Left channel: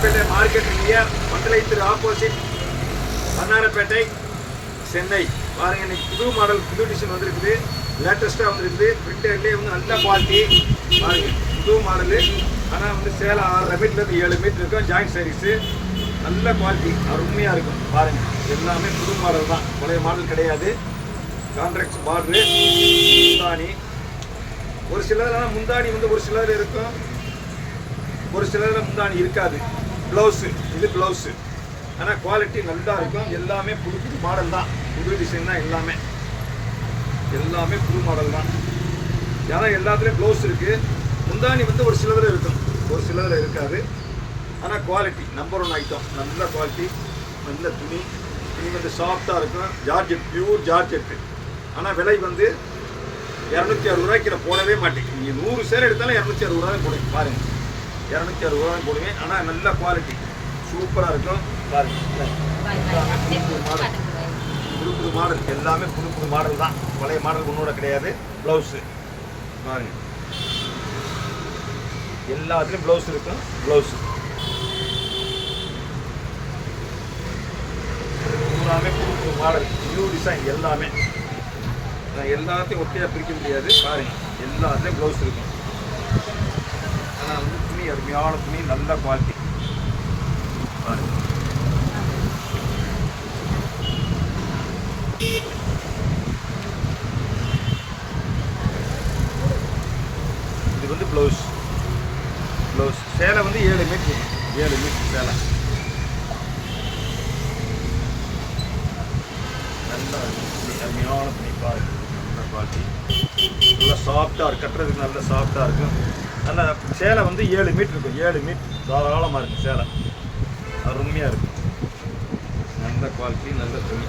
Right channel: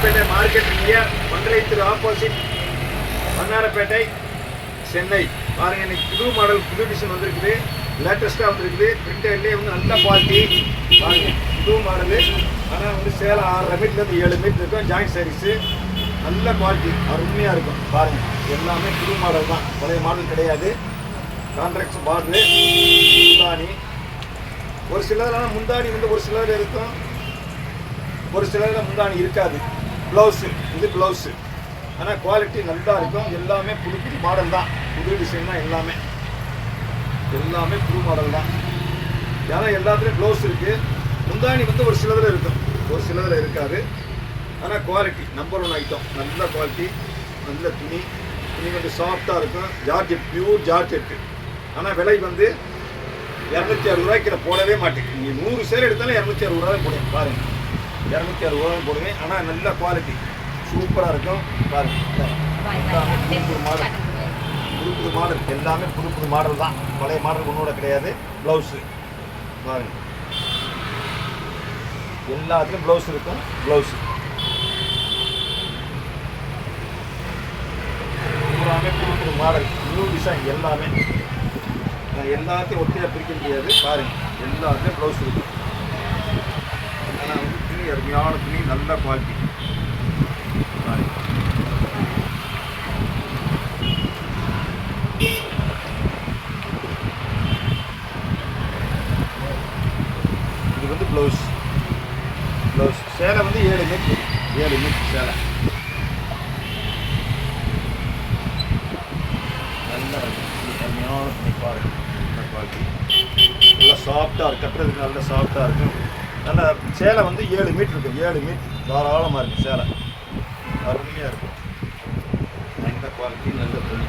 Market India மங்களத்திரு opposite Vannarapettai Chennai பாருங்க. இன்னைக்கு புது மாடல் புது டிசைன் வந்திருக்குது, லேட்டஸ்ட்டாக வந்திருக்குது. பிரிண்டர்லேயே வந்து நல்ல குவாலிட்டி பாருங்க. புது மாடலு, ஆனால் வந்து சேலை 6.5 மீட்டர்லேருந்து 7 மீட்டர் இருக்கும். ஜாயிண்ட் சாரீஸு நல்ல குவாலிட்டி அருமையாக இருக்கும் பாருங்க. எல்லாமே புது மாடல் தான், பழைய மாடல் கிடையாது. கான்ட்ராக்ட்ஸ் பார்டரு முந்தானி, ஒரு சிலதெல்லாம் முந்தானி வந்து ஒரு சிலர் இருக்கும், ஒரு சிலரில் முந்தானி இருக்காது. ப்ளவுஸு இது ப்ளவுஸு, ஆனால் குவாலிட்டி நல்லா இருக்கும். எல்லாமே புது புது மாடல் தான், புது டிசைன் தான். எல்லாமே புது மாடல் தான். ஏன்னா எல்லாத்துலேயும் ப்ளவுஸ் இருக்குது. முந்தானி வந்து ஒரு சிலதில் இருக்கும், ஒரு சிலதில் இருக்காது. ஆனால் குவாலிட்டி நம்பர் 1 ஐட்டம். நல்ல குவாலிட்டி, நல்ல துணி. துணி வந்து சாஃப்டாக இருக்கும். Georgette, pure georgette. ஆனால் விலை வந்து 260 ரூபாய்க்கு போடவே மாட்டேங்குது. நீங்கள் 100 சேர் எடுத்தாலும் 260 ரூபா தான் போடுவேன் பாருங்கள். 260 ரூபா தான் போடுவேன். ஆனால் நல்ல குவாலிட்டி சூப்பராக இருக்கும் பாருங்கள். எல்லாமே புது புது மாடல், புது புது மாடல். எல்லாமே புது புது மாடல் தான், பழைய மாடல் ஒன்றோட கிடையாது. ப்ளவுஸு பாருங்க, எல்லாத்துலேயும் ப்ளவுஸ் இருக்கும். ப்ளவுஸு எல்லாமே புது புது மாடல், நியூ டிசைன். எல்லாமே எல்லாத்தையும் ஒட்டியாக பிரிக்க முடியாது பாருங்கள். எல்லாத்துலேயும் ப்ளவுஸ் இருக்கும். ஆனால் வந்து துணி அருமையான துணி, நல்ல குவாலிட்டி பாருங்க. இது வந்து ப்ளவுஸ். சேலை வந்து 7 மீட்டர், 7 மீட்டர் சேலை. நல்லா அருமையான துணி பாருங்க. நல்ல குவாலிட்டி, நல்லா சாஃப்டாக இருக்கும். கட்டுறதுக்கு நல்லா சாஃப்டாக இருக்கும். நல்லா சேலை வந்து 7 மீட்டர் இருக்கும். 7 மீட்டர் தாராளமாக இருக்கும். சேலை அருமையாக இருக்கும். நல்ல குவாலிட்டி, நல்ல துணி.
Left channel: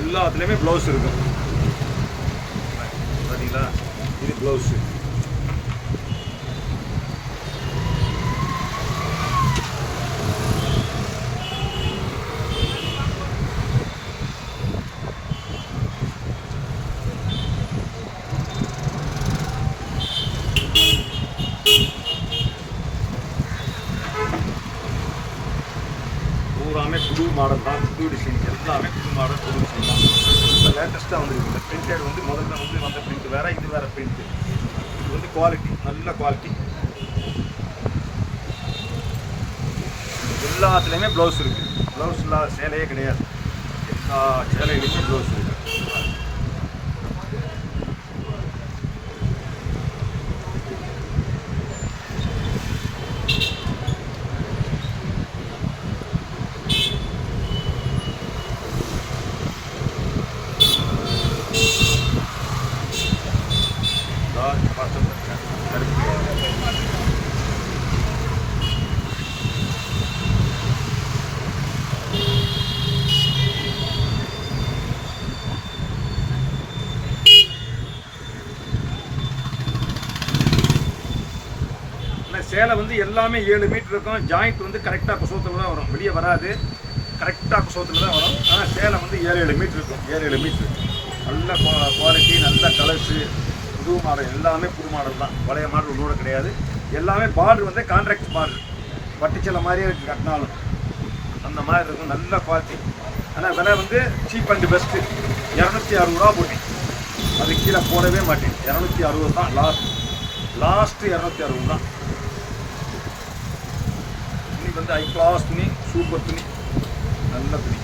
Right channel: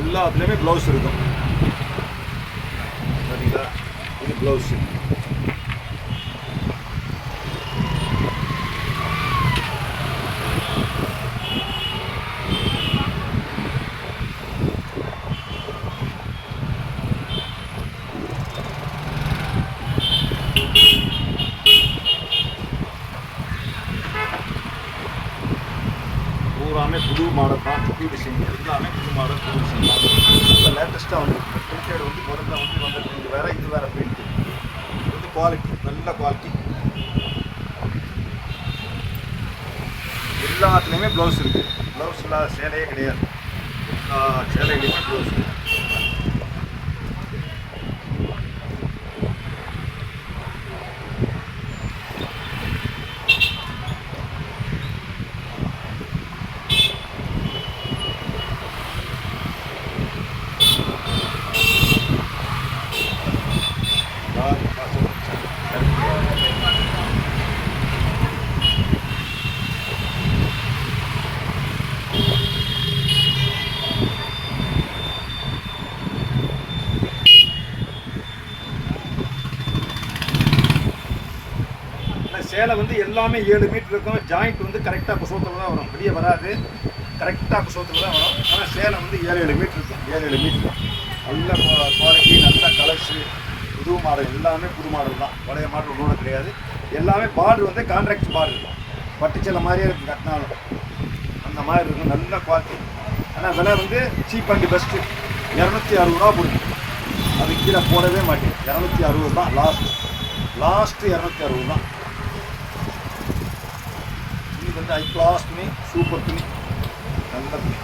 எல்லாத்துலேயுமே ப்ளவுஸ் இருக்கும் பார்த்தீங்களா. இது ப்ளவுஸு. பூராமே புது மாடல் தான், புது டிசைன். எல்லாமே புது மாடல், புது டிசைன் தான். இப்போ லேட்டஸ்ட்டாக வந்துருக்கு. பிரிண்டட் வந்து முதல்ல வந்து வந்த பிரிண்ட் வேறு, இது வேறு பிரிண்ட்டு. இது வந்து குவாலிட்டி, நல்ல குவாலிட்டி. எல்லாத்துலேயுமே ப்ளவுஸ் இருக்குது. ப்ளவுஸ் இல்லாத சேலையே கிடையாது. எல்லா சேலைகளுமே ப்ளவுஸ் இருக்குது. சேலை வந்து எல்லாமே 7 மீட்டர் இருக்கும். ஜாயிண்ட் வந்து கரெக்டாக குசோத்தில் தான் வரும், வெளியே வராது. கரெக்டாக குசோத்தில் தான் வரும். ஆனால் சேலை வந்து 7 மீட்டர் இருக்கும். 7 மீட்டர் நல்ல குவாலிட்டி, நல்ல கலர்ஸு, புது மாடல். எல்லாமே புது மாடல் தான், பழைய மாடல் ஒன்றோட கிடையாது. எல்லாமே பார்டர் வந்து கான்ட்ராக்ட் பார்டர், பட்டுச்சேலை மாதிரியே இருக்குது. கட்டினாலும் அந்த மாதிரி இருக்கும். நல்ல குவாலிட்டி. ஆனால் விலை வந்து சீப் அண்ட் பெஸ்ட்டு. 260 ரூபா போடுங்க. அது கீழே போடவே மாட்டேன். 260 தான் லாஸ்ட்டு 260 தான். துணி வந்து ஹை கிளாஸ் துணி, சூப்பர் துணி, நல்ல துணி.